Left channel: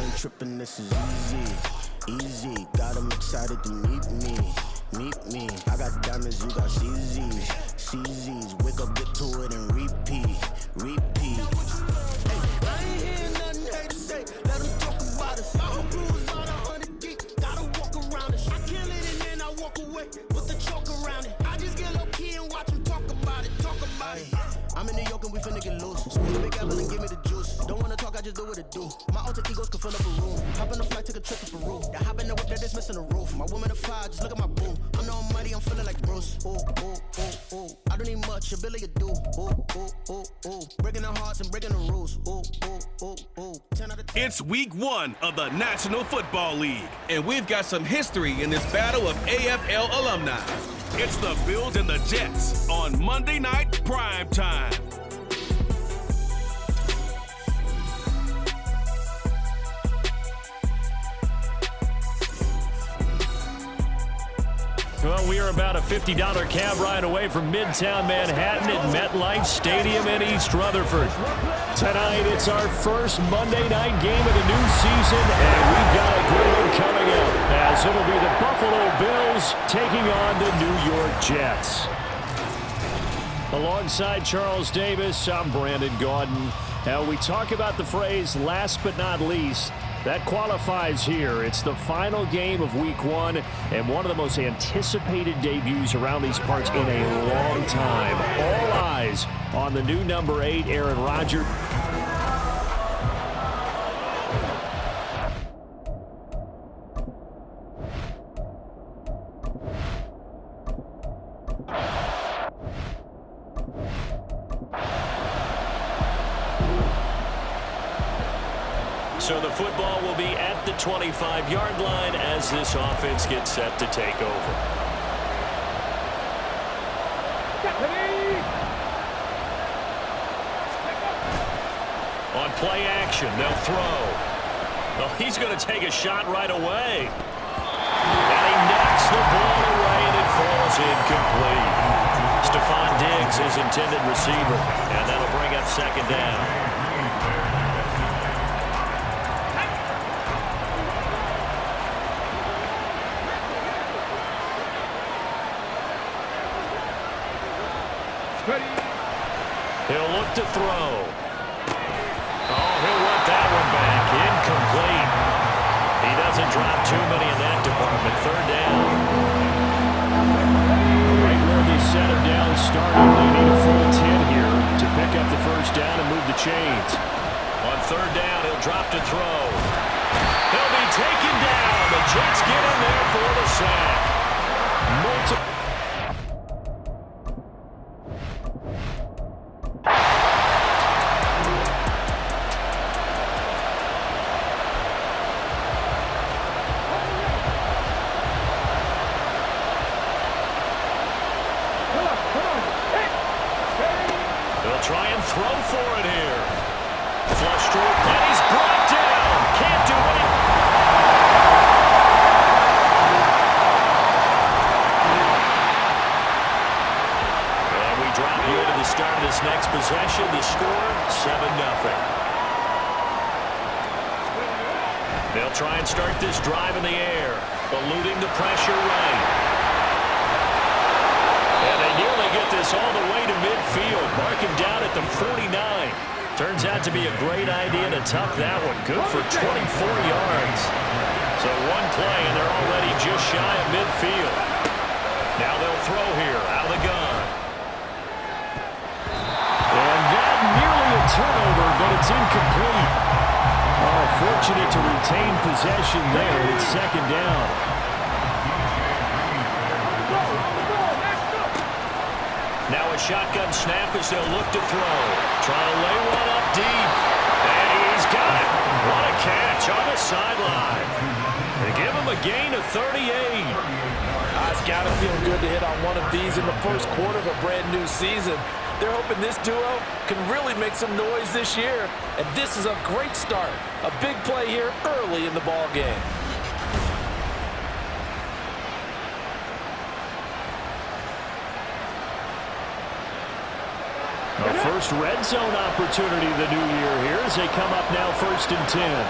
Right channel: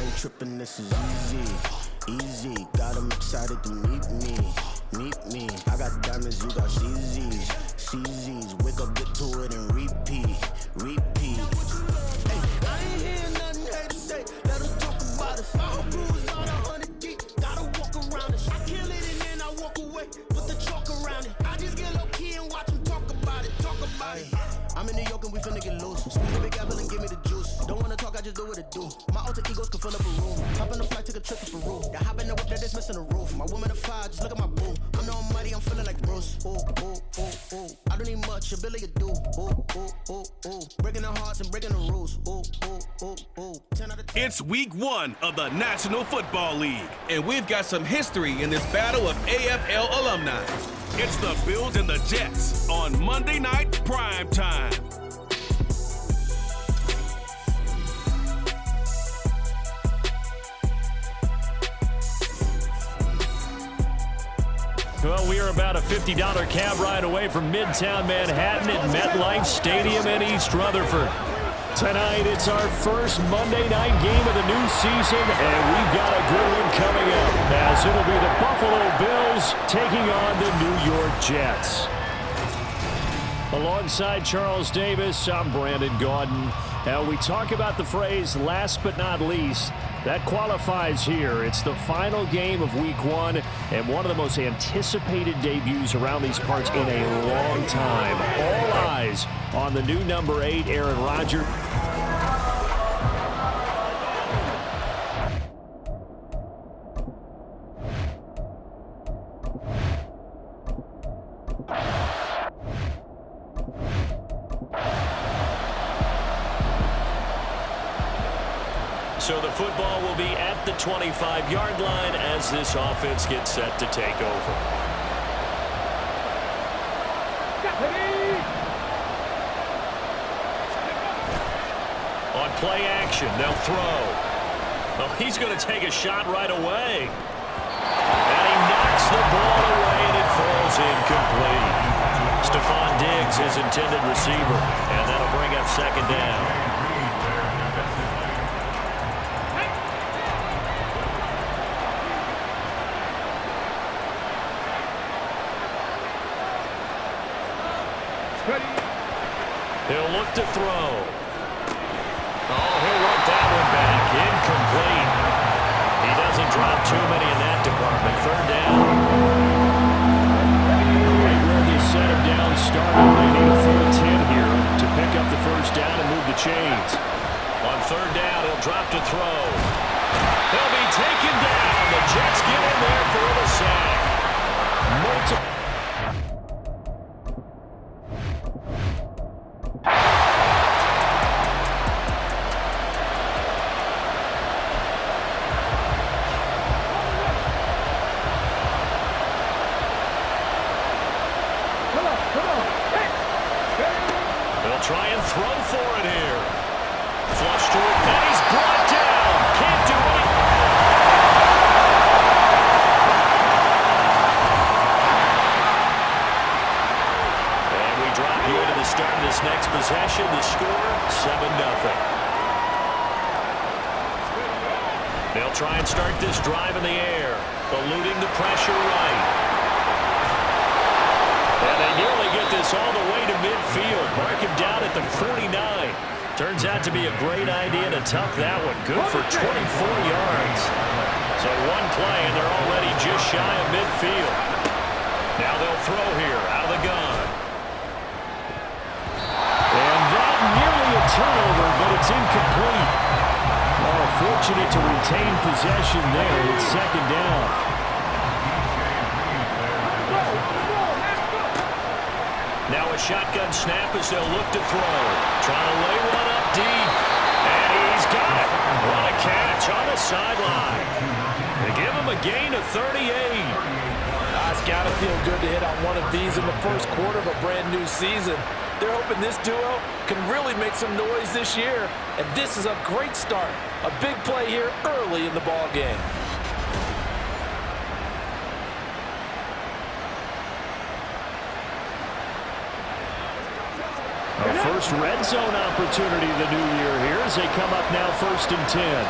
I ain't tripping, this is easy. Easy, got 'em excited to meet me. Meet me, I got diamonds, you got CZs. CZs, wake up, get to it and repeat. Repeat. Hey, I ain't hearing nothing hate to say. Let them talk about us. My whole crew is on 100 deep. Gotta walk around it. I kill it and then I walk away. Put the chalk around it. I just get low key and watch them talk about it. Talk about it. I'm in New York and we finna get loose. Squeeze the big apple and give me the juice. Don't wanna talk, I just do what it do. My alter egos can fill up a room. Hop in a flight, take a trip to Peru. That hop in the whip that is missing the roof. My woman a fire, just look at my boo. I'm the almighty, I'm feeling like Bruce. Ooh, ooh, ooh, ooh. I don't need much, ability to do. Ooh, ooh, ooh, ooh. Breaking the hearts and breaking the rules. Ooh, ooh, ooh, ooh. 10 out of 10. It's week 1 of the National Football League, and we've got some history in this battle of AFL alumni. It's the Bills and the Jets on Monday night prime time. Well, we are about a $50 cab ride away from Midtown Manhattan at MetLife Stadium in East Rutherford. Tonight, it's our first Monday night game of the new season, and we've got a good one coming up, as it'll be the Buffalo Bills taking on the New York Jets. Alongside Charles Davis, I'm Brandon Gaudin. Now, we talk about the phrase last but not least. That qualifies here. It's the final game of week 1 and one of the most anticipated debuts around these parts in a long time. All eyes on the new number 8, Aaron Rodgers. So the football will be at the 25-yard line as this offense gets set to take over. On play action, they'll throw. Oh, he's going to take a shot right away. And he knocks the ball away, and it falls incomplete. Stephon Diggs, his intended receiver, and that'll bring up second down. He'll look to throw. Oh, he'll work that one back. Incomplete. He doesn't drop too many in that department. Third down. Right where they set him down started. They need a full 10 here to pick up the first down and move the chains. On third down, he'll drop to throw. He'll be taken down. The Jets get in there for the sack. Multiple. Try and throw for it here. Flush to it, and he's brought down. Can't do anything. And we drop you into the start of this next possession. The score, 7-0. They'll try and start this drive in the air, eluding the pressure right. And they nearly get this all the way to midfield. Mark him down at the 49. Turns out to be a great idea to tuck that one. Good for 24 yards. So one play, and they're already just shy of midfield. Now they'll throw here out of the gun. And that nearly a turnover, but it's incomplete. Oh, fortunate to retain possession there. It's second down. Now a shotgun snap as they'll look to throw. Trying to lay one up deep. And he's got it. What a catch on the sideline. They give him a gain of 38. It's got to feel good to hit on one of these in the first quarter of a brand new season. They're hoping this duo can really make some noise this year. And this is a great start. A big play here early in the ball game. A first red zone opportunity the new year here as they come up now 1st and 10.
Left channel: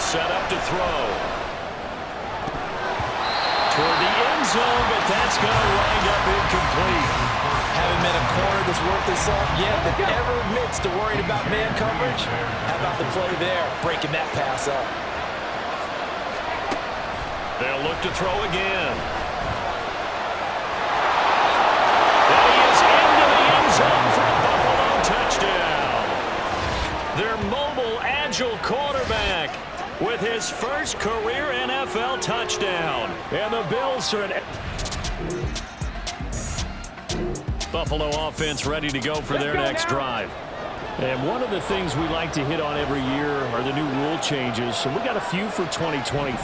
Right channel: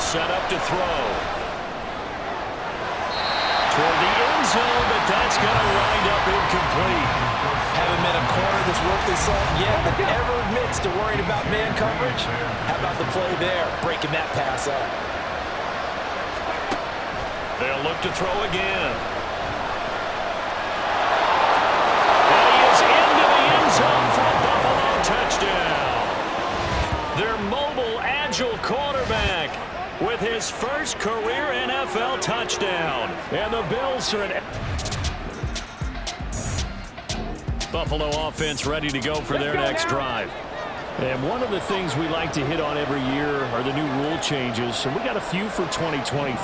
set up to throw. Toward the end zone, but that's going to wind up incomplete. Haven't met a corner that's worth his salt yet that ever admits to worrying about man coverage. How about the play there, breaking that pass up? They'll look to throw again. And he is into the end zone for a Buffalo touchdown. Their mobile, agile quarterback with his first career NFL touchdown. And the Bills are at Buffalo offense ready to go for their next drive. And one of the things we like to hit on every year are the new rule changes. And we got a few for 2023.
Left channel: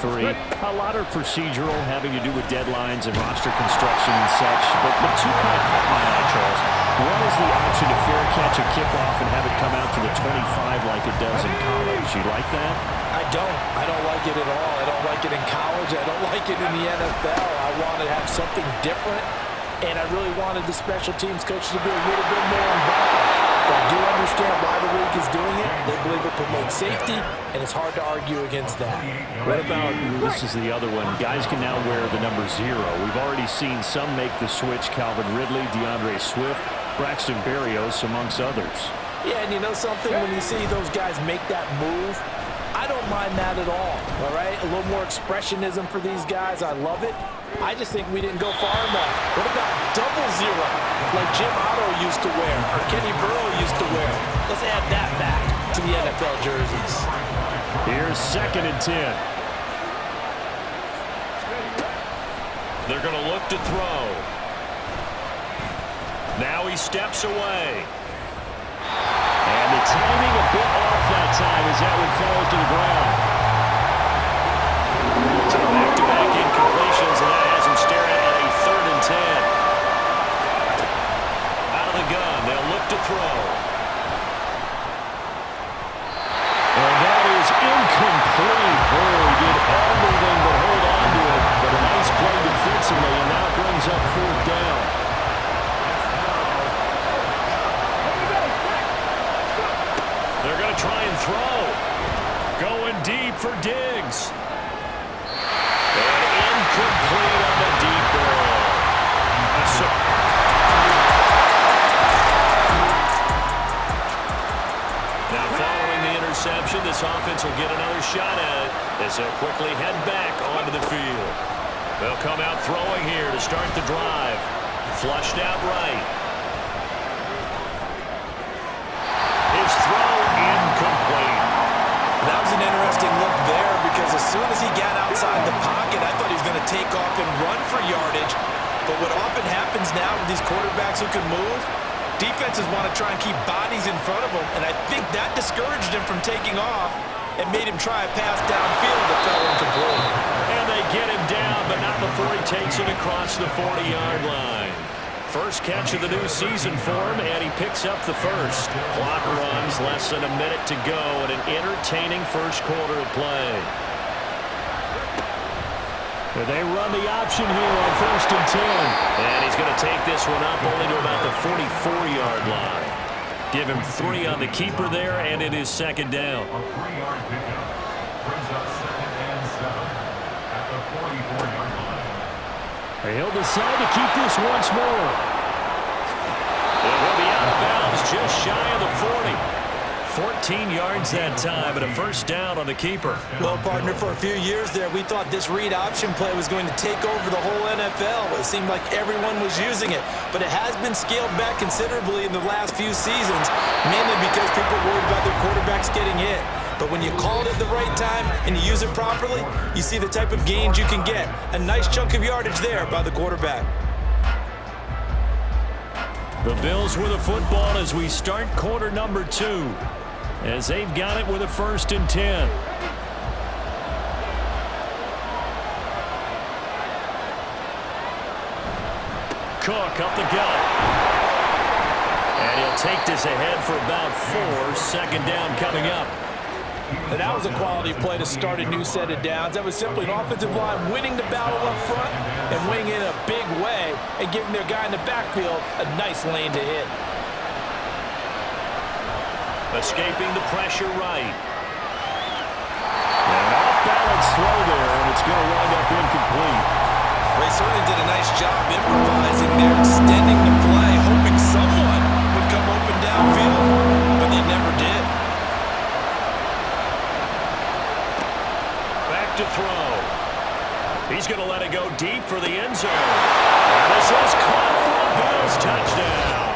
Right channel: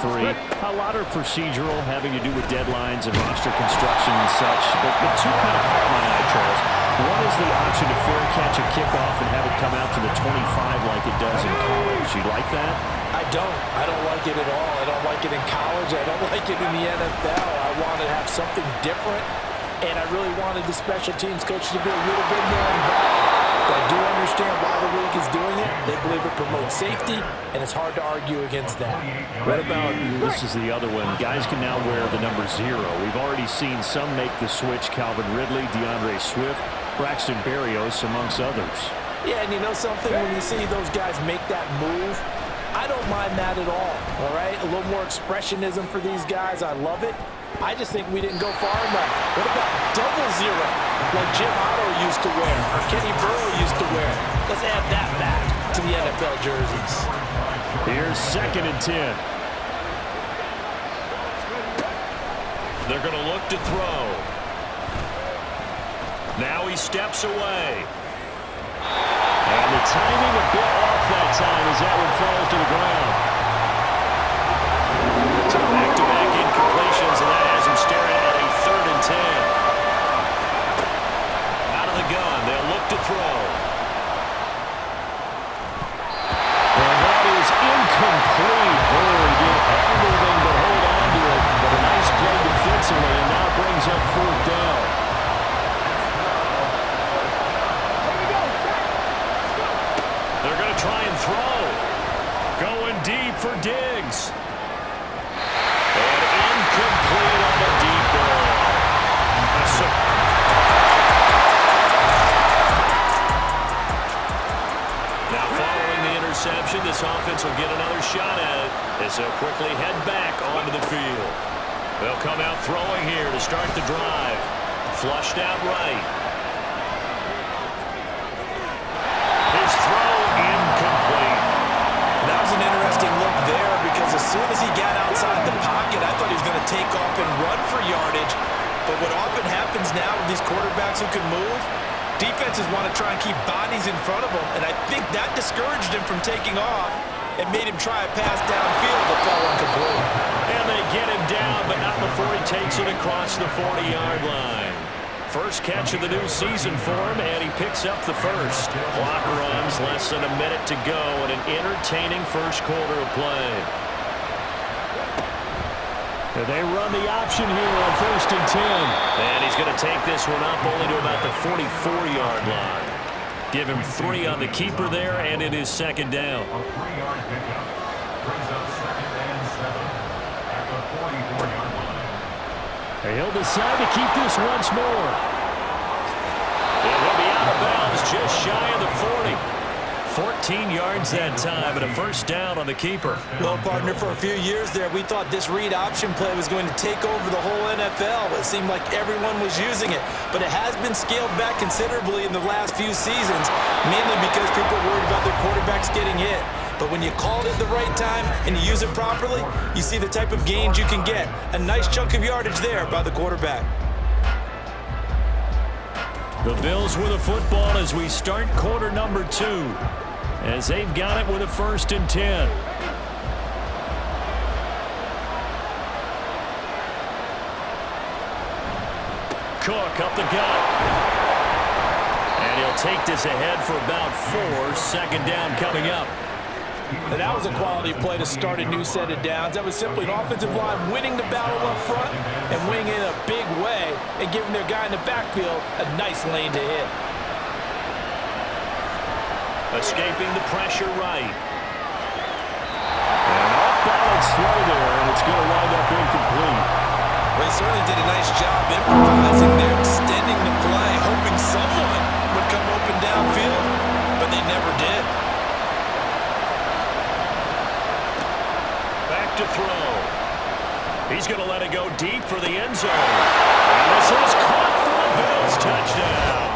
A lot are procedural, having to do with deadlines and roster construction and such. But two kind of caught my eye, Charles. One is the option to fair catch a kickoff and have it come out to the 25 like it does in college. You like that? I don't. I don't like it at all. I don't like it in college. I don't like it in the NFL. I want to have something different. And I really wanted the special teams coach to be a little bit more involved. But I do understand why the league is doing it. They believe it promotes safety, and it's hard to argue against that. What about, this is the other one, guys can now wear the number 0. We've already seen some make the switch, Calvin Ridley, DeAndre Swift, Braxton Berrios, amongst others. Yeah, and you know something? When you see those guys make that move, I don't mind that at all right? A little more expressionism for these guys. I love it. I just think we didn't go far enough. What about double 0, like Jim Otto used to wear or Kenny Burrow used to wear? Let's add that back to the NFL jerseys. Here's 2nd and 10. They're going to look to throw. Now he steps away. And the timing a bit off that time as that one falls to the ground. So back-to-back incompletions, and that has him staring at a 3rd and 10. Out of the gun, they'll look to throw. And that is incomplete. Oh, he did everything but hold on to it. But a nice play defensively, and now brings up 4th down. They're going to try and throw. Going deep for Diggs. And incomplete on the deep ball. Now following the interception, this offense will get another shot at it as they'll quickly head back onto the field. They'll come out throwing here to start the drive. Flushed out right. His throw incomplete. That was an interesting look there because as soon as he got outside the pocket, I thought he was going to take off and run for yardage. But what often happens now with these quarterbacks who can move, defenses want to try and keep bodies in front of them, and I think that discouraged him from taking off and made him try a pass downfield that fell incomplete. And they get him down, but not before he takes it across the 40-yard line. First catch of the new season for him, and he picks up the first. Clock runs, less than a minute to go, and an entertaining first quarter of play. They run the option here on 1st and 10. And he's going to take this one up only to about the 44-yard line. Give him 3 on the keeper there, and it is 2nd down. A 3-yard pickup brings up 2nd and 7 at the 44-yard line. He'll decide to keep this once more. And he'll be out of bounds just shy of the 40. 14 yards that time and a first down on the keeper. Well, partner, for a few years there, we thought this read option play was going to take over the whole NFL. It seemed like everyone was using it, but it has been scaled back considerably in the last few seasons, mainly because people are worried about their quarterbacks getting hit. But when you call it at the right time and you use it properly, you see the type of gains you can get. A nice chunk of yardage there by the quarterback. The Bills with a football as we start quarter number 2. As they've got it with a 1st and 10. Cook up the gut. And he'll take this ahead for about 4. 2nd down coming up. And that was a quality play to start a new set of downs. That was simply an offensive line winning the battle up front and winning in a big way and giving their guy in the backfield a nice lane to hit. Escaping the pressure right. An off-balance throw there, and it's going to wind up incomplete. They certainly did a nice job improvising there, extending the play, hoping someone would come open downfield, but they never did. Back to throw. He's going to let it go deep for the end zone. And this is caught for a Bills touchdown.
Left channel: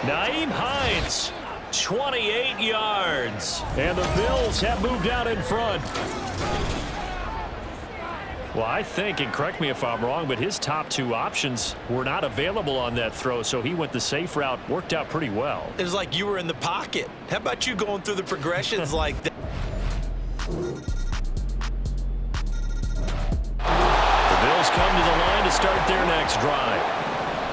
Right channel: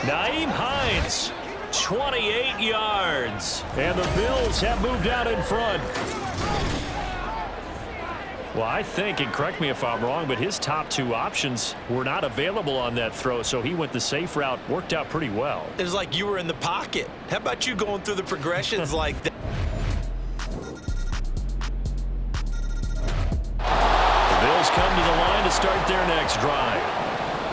Nyheim Hines, 28 yards. And the Bills have moved out in front. Well, I think, and correct me if I'm wrong, but his top two options were not available on that throw, so he went the safe route, worked out pretty well. It was like you were in the pocket. How about you going through the progressions like that? The Bills come to the line to start their next drive.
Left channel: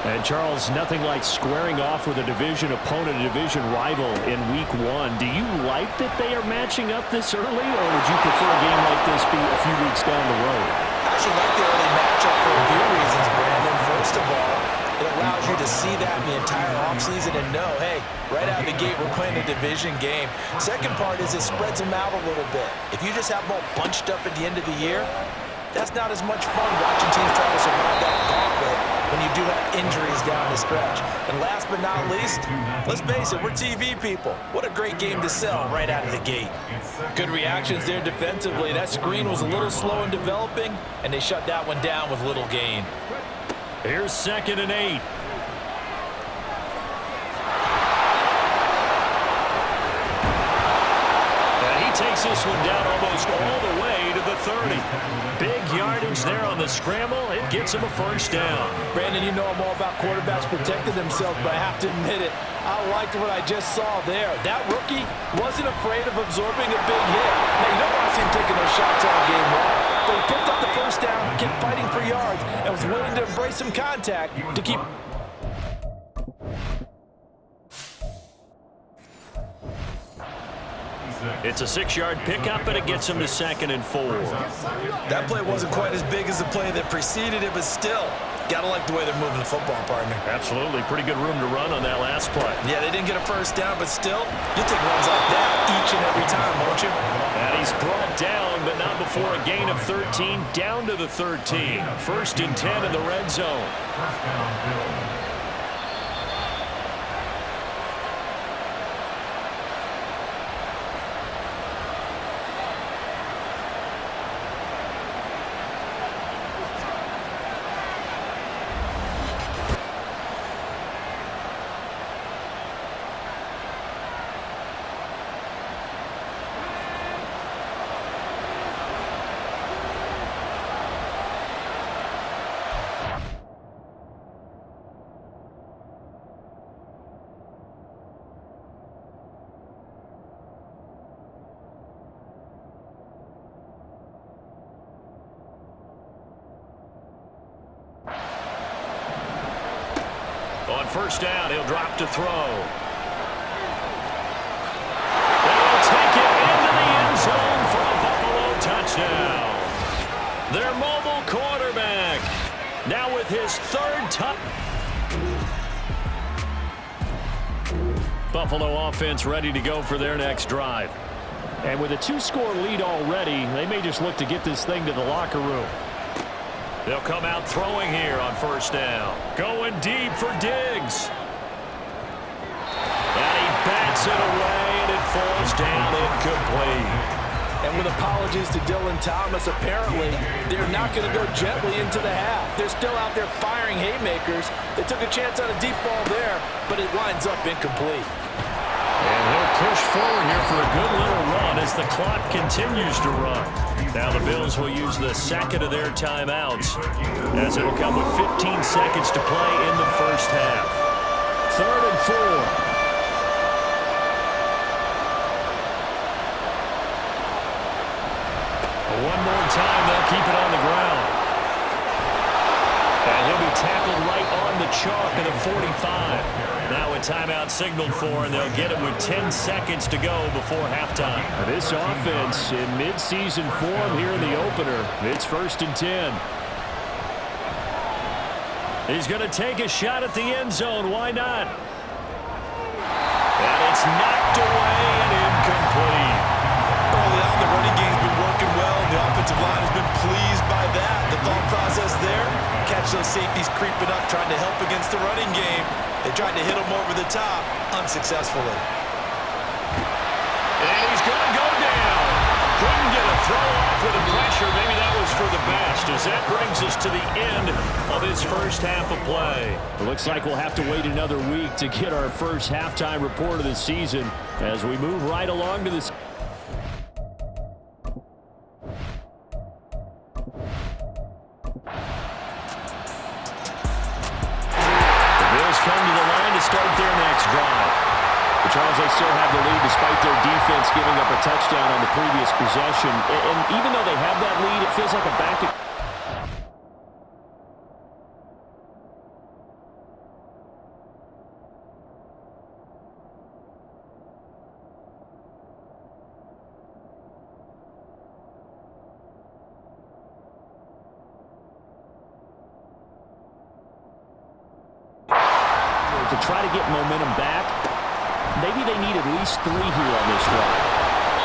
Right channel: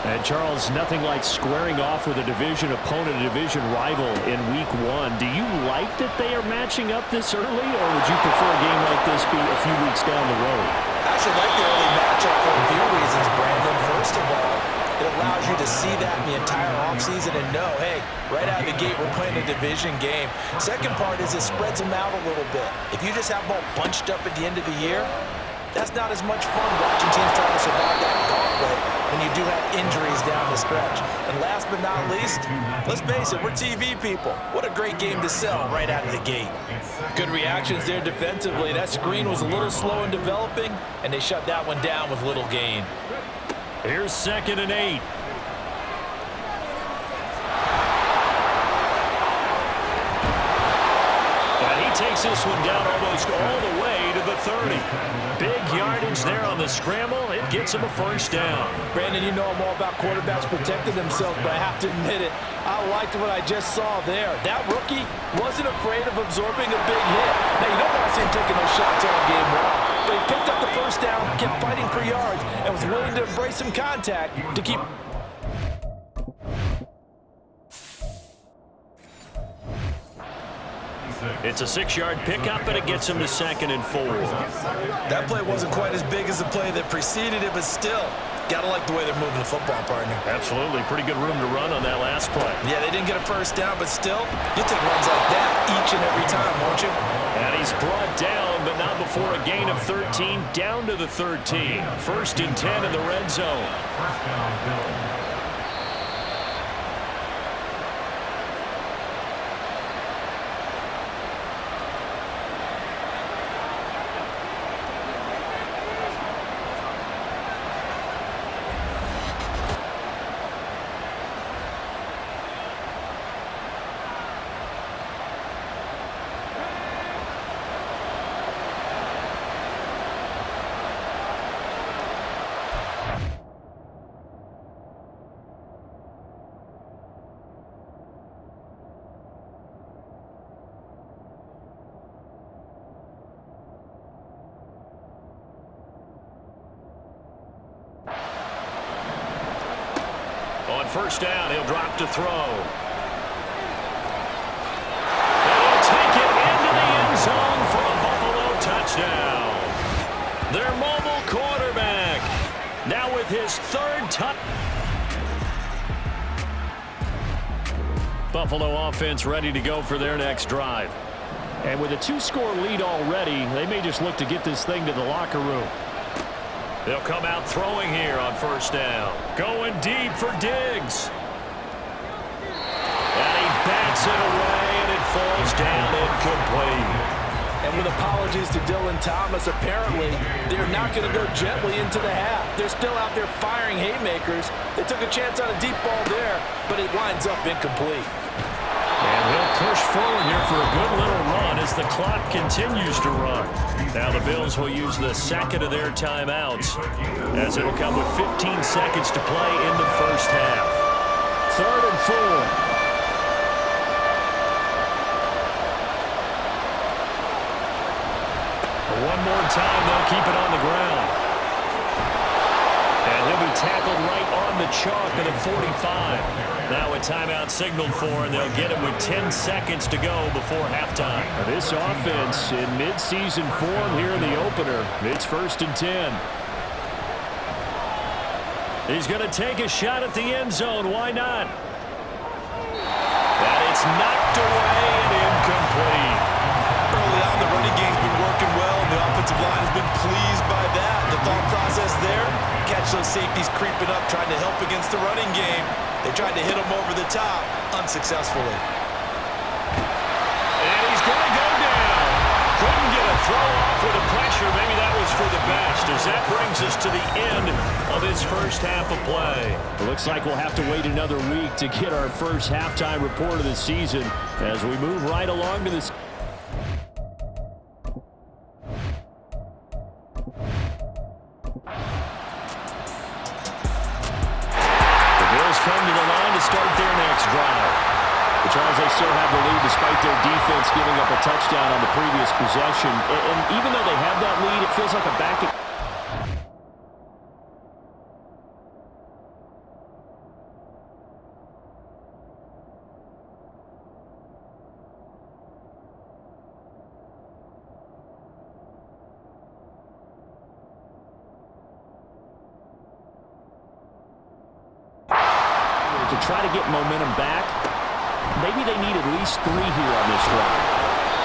And, Charles, nothing like squaring off with a division opponent, a division rival in Week 1. Do you like that they are matching up this early, or would you prefer a game like this be a few weeks down the road? I actually like the early matchup for a few reasons, Brandon. First of all, it allows you to see that in the entire offseason and know, hey, right out of the gate, we're playing a division game. Second part is it spreads them out a little bit. If you just have them all bunched up at the end of the year, that's not as much fun watching teams try to survive that gauntlet when you do have injuries down the stretch. And last but not least, let's face it, we're TV people. What a great game to sell right out of the gate. Good reactions there defensively. That screen was a little slow in developing, and they shut that one down with little gain. Here's 2nd and 8. And he takes this one down almost all the way to the 30. Big yardage there on the scramble. It gets him a first down. Brandon, you know I'm all about quarterbacks protecting themselves, but I have to admit it, I liked what I just saw there. That rookie wasn't afraid of absorbing a big hit. Now, you don't want to see him taking those shots all game long, but he picked up the first down, kept fighting for yards, and was willing to embrace some contact to keep... It's a 6-yard pickup, and it gets him to 2nd and 4. That play wasn't quite as big as the play that preceded it, but still, gotta like the way they're moving the football, partner. Absolutely. Pretty good room to run on that last play. Yeah, they didn't get a first down, but still, you'll take runs like that each and every time, won't you? And he's brought down, but not before a gain of 13, down to the 13. 1st and 10 in the red zone. First down, Bills. On first down, he'll drop to throw. And he'll take it into the end zone for a Buffalo touchdown. Their mobile quarterback, now with his 3rd touchdown. Buffalo offense ready to go for their next drive. And with a 2-score lead already, they may just look to get this thing to the locker room. They'll come out throwing here on first down. Going deep for Diggs. And he bats it away, and it falls down incomplete. And with apologies to Dylan Thomas, apparently they're not going to go gently into the half. They're still out there firing haymakers. They took a chance on a deep ball there, but it winds up incomplete. And he'll push forward here for a good little run as the clock continues to run. Now the Bills will use the 2nd of their timeouts, as it'll come with 15 seconds to play in the first half. 3rd and 4. One more time, they'll keep it on the ground. And he'll be tackled right on the chalk of the 45. Now a timeout signaled for, and they'll get it with 10 seconds to go before halftime. This offense in midseason form here in the opener. It's 1st and 10. He's going to take a shot at the end zone. Why not? And it's knocked away and incomplete. Early on, the running running game's been working well, and the offensive line has been pleased by that. The thought process there, catch those safeties creeping up, trying to help against the running game. They tried to hit them over the top, unsuccessfully. And he's going to go down. Couldn't get a throw off with the pressure. Maybe that was for the best, as that brings us to the end of his first half of play. It looks like we'll have to wait another week to get our first halftime report of the season as we move right along to this. The Bills come to the line to start their next drive. But Charles, they still have the lead despite their defense giving up a touchdown on the previous possession. And even though they have that lead, it feels like a back. To try to get momentum back. Maybe they need at least 3 here on this drive.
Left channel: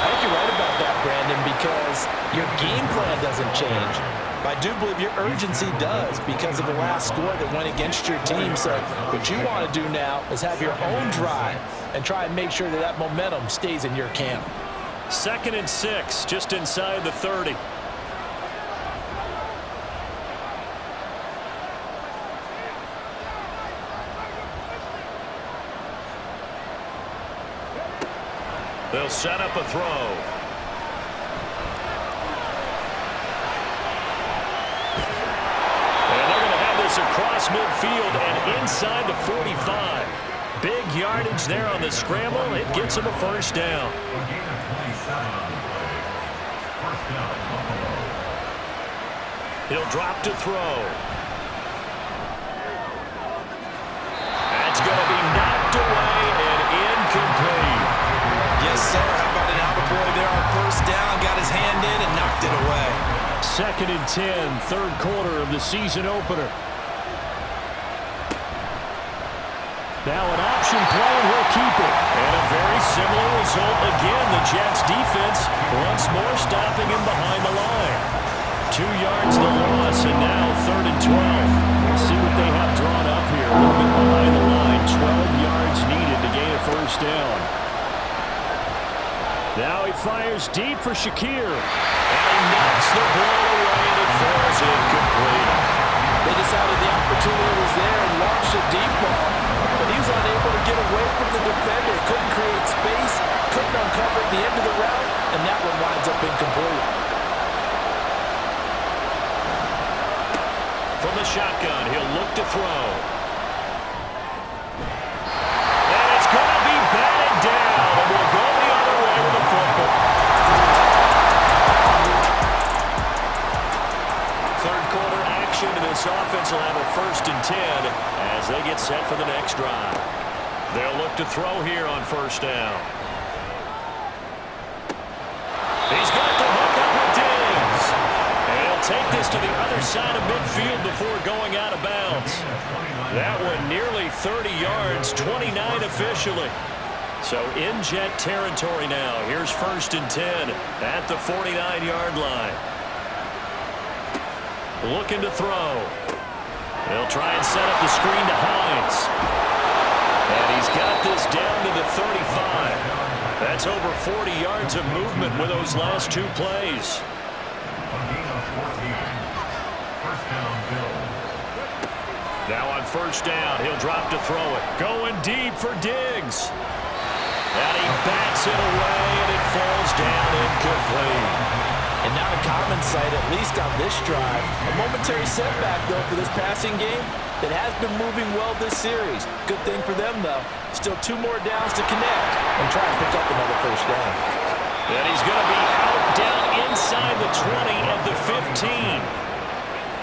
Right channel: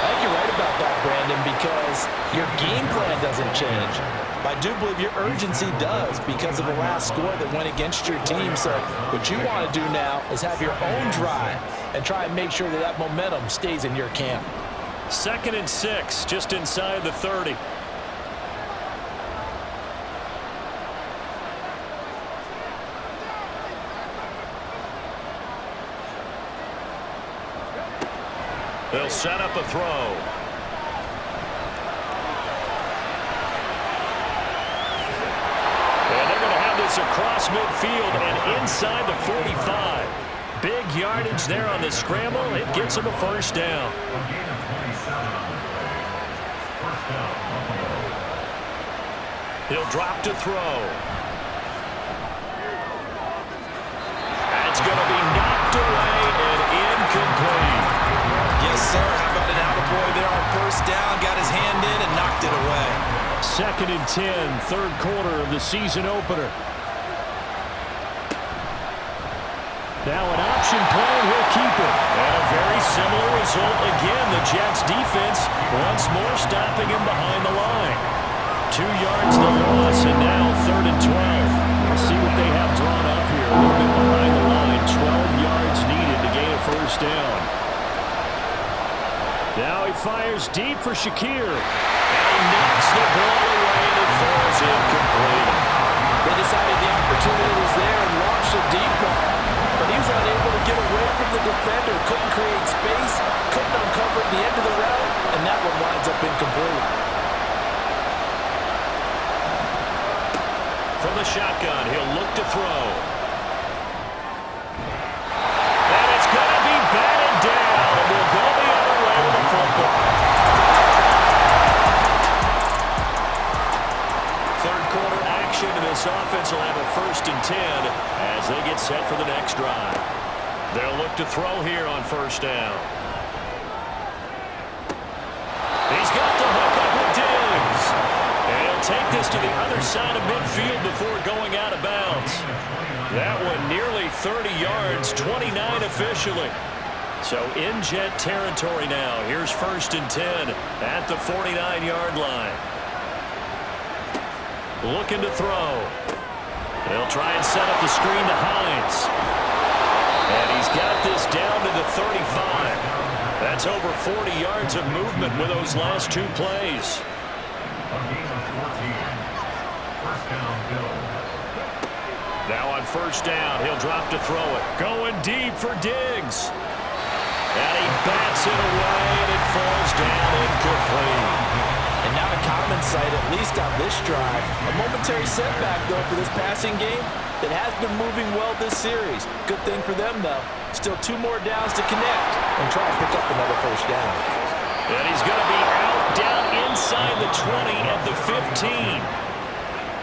I think you're right about that, Brandon, because your game plan doesn't change. But I do believe your urgency does because of the last score that went against your team. So what you want to do now is have your own drive and try and make sure that that momentum stays in your camp. 2nd and 6, just inside the 30. They'll set up a throw. And they're going to have this across midfield and inside the 45. Big yardage there on the scramble. It gets him a first down. A gain of 27 on the play. First down, Buffalo. He'll drop to throw. That's going to be knocked away and incomplete. Yes, sir. How about an attaboy there on first down? Got his hand in and knocked it away. 2nd and 10, third quarter of the season opener. Now an option play, and he'll keep it. And a very similar result again. The Jets defense once more stopping him behind the line. 2 yards the loss, and now 3rd and 12. We'll see what they have drawn up here. A little bit behind the line. 12 yards needed to gain a first down. Now he fires deep for Shakir. And he knocks the ball away, and it falls incomplete. They decided the opportunity was there and launched a deep ball, but he was unable to get away from the defender. Couldn't create space, couldn't uncover the end of the route, and that one winds up incomplete. From the shotgun, he'll look to throw. And it's going to be batted down, and we'll go the other way with the football. Third quarter action, and this offense will have a 1st and 10 as they get set for the next drive. They'll look to throw here on first down. He's got the hook up with Diggs. And he'll take this to the other side of midfield before going out of bounds. That one nearly 30 yards, 29 officially. So in Jet territory now. Here's 1st and 10 at the 49-yard line. Looking to throw. They'll try and set up the screen to Hines. And he's got this down to the 35. That's over 40 yards of movement with those last 2 plays. A gain of 14. First down, Bills. Now on first down, he'll drop to throw it. Going deep for Diggs. And he bats it away, and it falls down incomplete. And not a common sight, at least on this drive. A momentary setback, though, for this passing game that has been moving well this series. Good thing for them, though. Still 2 more downs to connect and try and pick up another first down. And he's going to be out down inside the 20 at the 15.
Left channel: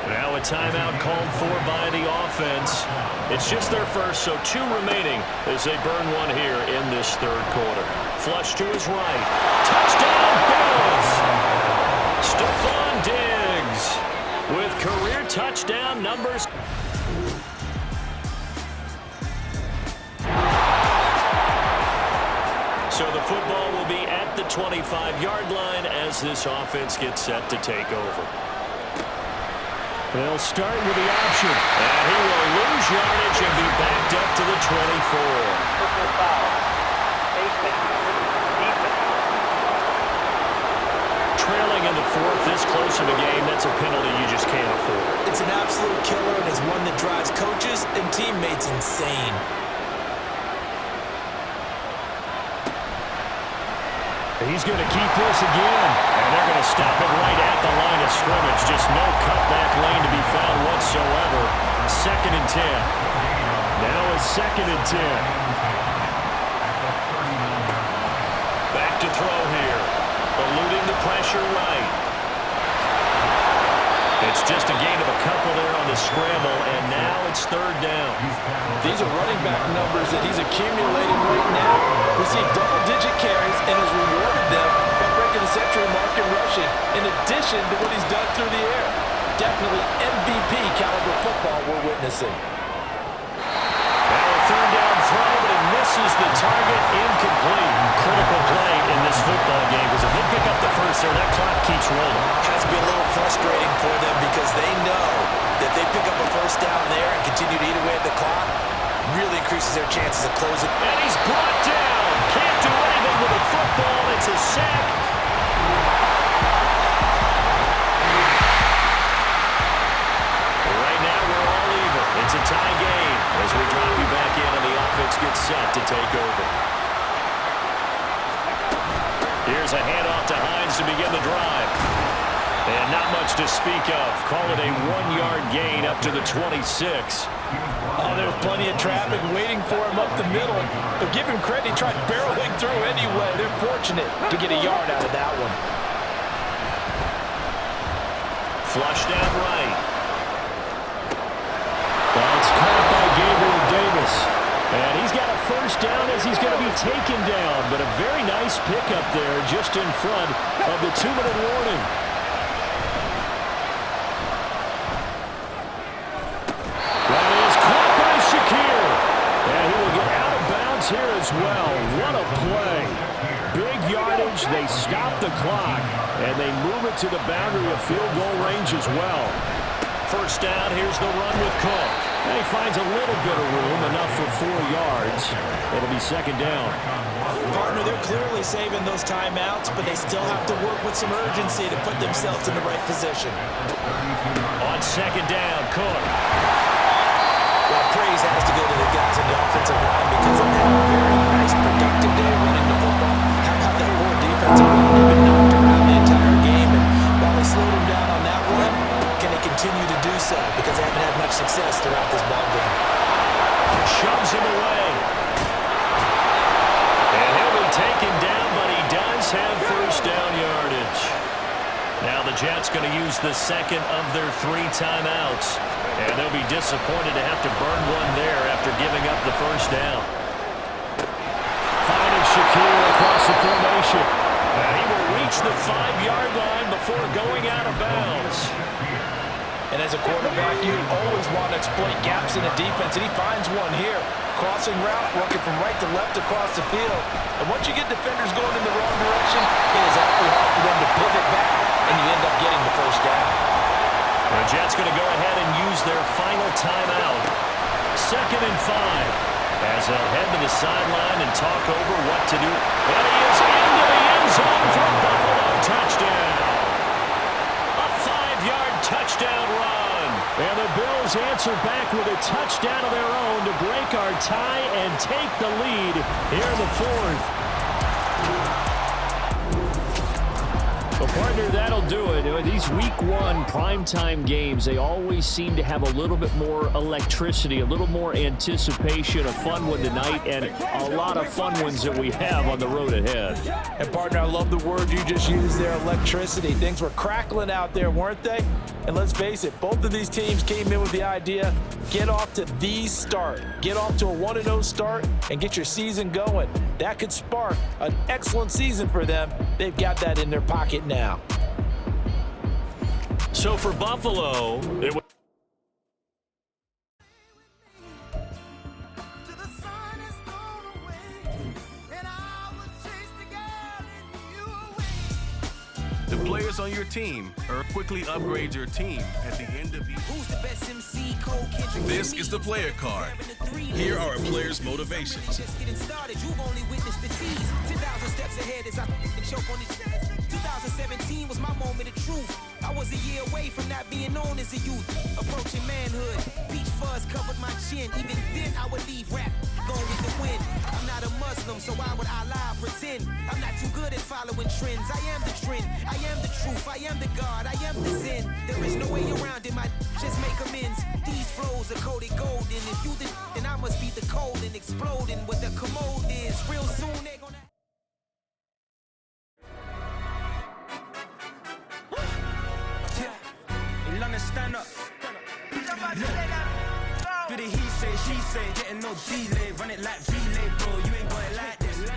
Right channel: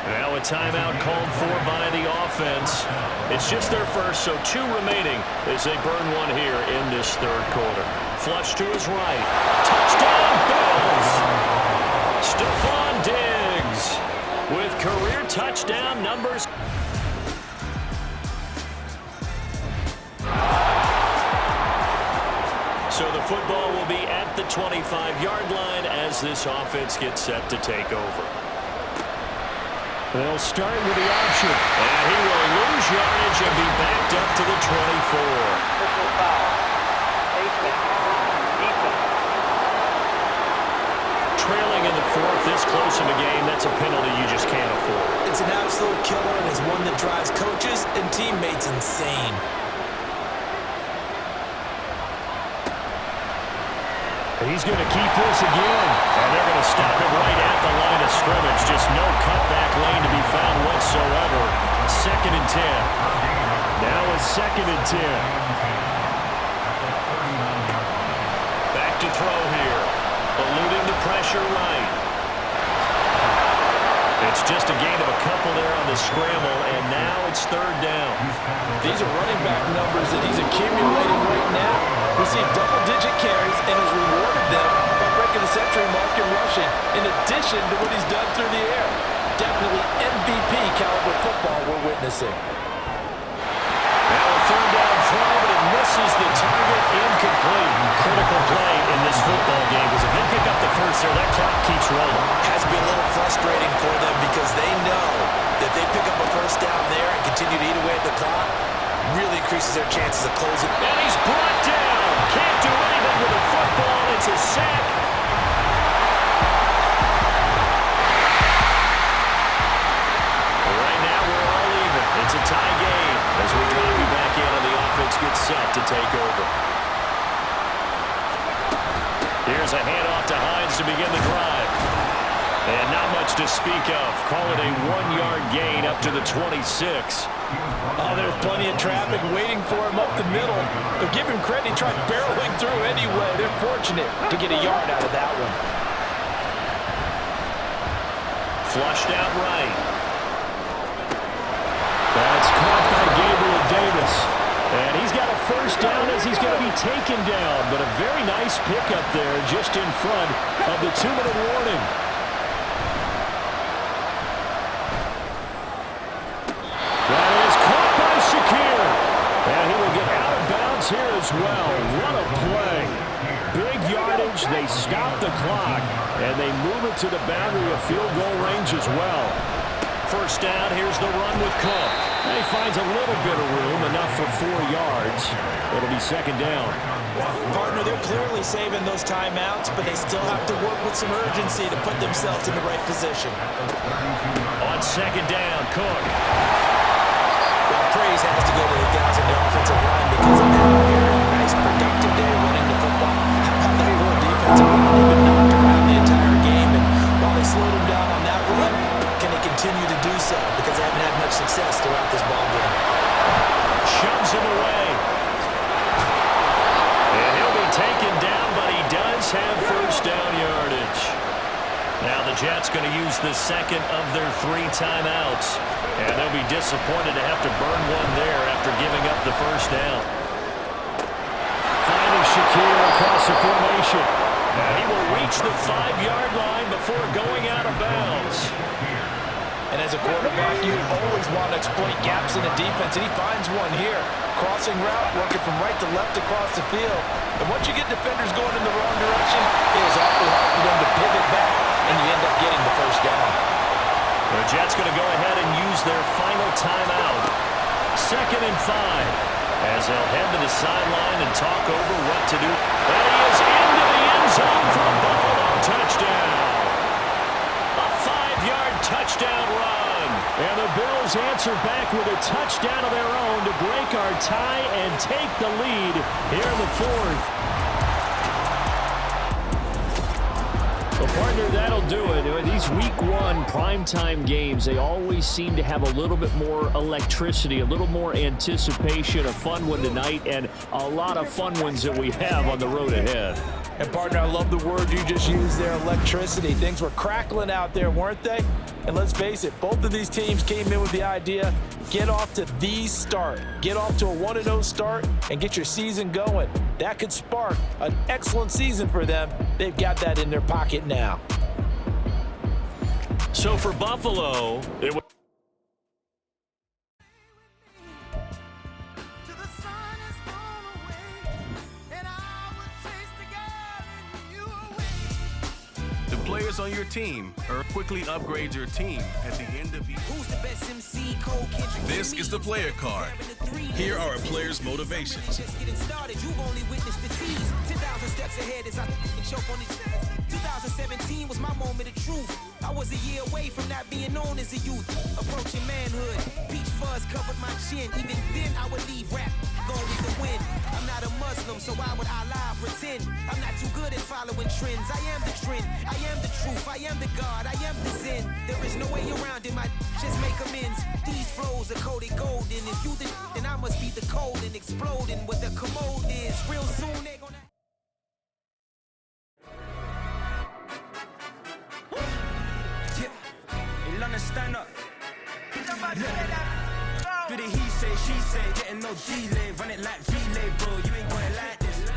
Now a timeout called for by the offense. It's just their first, so 2 remaining as they burn one here in this third quarter. Flush to his right. Touchdown, Bills! Stephon Diggs with career touchdown numbers. So the football will be at the 25-yard line as this offense gets set to take over. They'll start with the option. And he will lose yardage and be backed up to the 24. Personal foul. Defense. Trailing in the fourth, this close of a game, that's a penalty you just can't afford. It's an absolute killer, and it's one that drives coaches and teammates insane. He's going to keep this again, and they're going to stop it right at the line of scrimmage. Just no cutback lane to be found whatsoever. 2nd and 10. Now a 2nd and 10. Back to throw here. Eluding the pressure right. It's just a gain of a couple there on the scramble, and now it's 3rd down. These are running back numbers that he's accumulating right now. We see double-digit carries and has rewarded them by breaking the century mark in rushing, in addition to what he's done through the air. Definitely MVP caliber football we're witnessing. Now a 3rd down throw, but it misses the target, incomplete. Critical play in this football game, because if they pick up the first there, that clock keeps rolling. Has to be a little frustrating for them because they know that they pick up a first down there and continue to eat away at the clock, really increases their chances of closing. And he's brought down. Can't do anything with a football. It's a sack. Right now we're all even. It's a tie game as we drop you back in and the offense gets set to take over. Here's a handoff to Hines to begin the drive. And not much to speak of. Call it a 1-yard gain up to the 26. Oh, there's plenty of traffic waiting for him up the middle. But give him credit, he tried barreling through anyway. They're fortunate to get a yard out of that one. Flushed out right. That's caught by Gabriel Davis. And he's got a first down as he's going to be taken down. But a very nice pickup there just in front of the 2-minute warning. That is caught by Shakir. And he will get out of bounds here as well. What a play. Big yardage. They stop the clock. And they move it to the boundary of field goal range as well. First down, here's the run with Cook. And he finds a little bit of room, enough for 4 yards. It'll be 2nd down. Partner, they're clearly saving those timeouts, but they still have to work with some urgency to put themselves in the right position. On 2nd down, Cook. Well, praise has to go to the guys in the offensive line because they've had a very nice, productive day running the football. How about that poor defensive line? They've been knocked around the entire game, and while they slowed them down on that run, can they continue to do so? Because they haven't had much success throughout this ball game. Shoves him away. And he'll be taken down, but he does have first down yardage. Now the Jets going to use the 2nd of their 3 timeouts. And they'll be disappointed to have to burn one there after giving up the first down. Finding Shakir across the formation. And he will reach the 5-yard line before going out of bounds. And as a quarterback, you always want to exploit gaps in the defense, and he finds one here. Crossing route, working from right to left across the field. And once you get defenders going in the wrong direction, it is awfully hard for them to pivot back, and you end up getting the first down. The Jets going to go ahead and use their final timeout. 2nd and 5. As they'll head to the sideline and talk over what to do. And he is into the end zone for a Buffalo touchdown. A 5-yard touchdown run. And the Bills answer back with a touchdown of their own to break our tie and take the lead here in the 4th. Well, partner, that'll do it. These Week 1 primetime games, they always seem to have a little bit more electricity, a little more anticipation, a fun one tonight, and a lot of fun ones that we have on the road ahead. And, partner, I love the word you just used there, electricity. Things were crackling out there, weren't they? And let's face it, both of these teams came in with the idea, get off to the start. Get off to a 1-0 start and get your season going. That could spark an excellent season for them. They've got that in their pocket now. So for Buffalo, it was till the sun has gone away, and I will take players on your team or quickly upgrade your team at the end of each. Who's the best MC? Cole Kendrick. This is the player card. Here are a player's motivations. Just getting started, you've only witnessed the tease. 10,000 steps ahead as I choke on his chest. 2017 was my moment of truth. I was a year away from not being known as a youth. Approaching manhood, peach fuzz covered my chin. Even then I would leave rap, going with the wind. I'm not a Muslim, so why would I lie or pretend? I'm not too good at following trends. I am the trend, I am the truth, I am the God, I am the sin. There is no way around it, my just make amends. These flows are coated golden. If you the then I must be the cold and exploding what the commode is. Real soon they gonna... In London, stand up. Do the he say, she say, getting no delay. Run it like relay,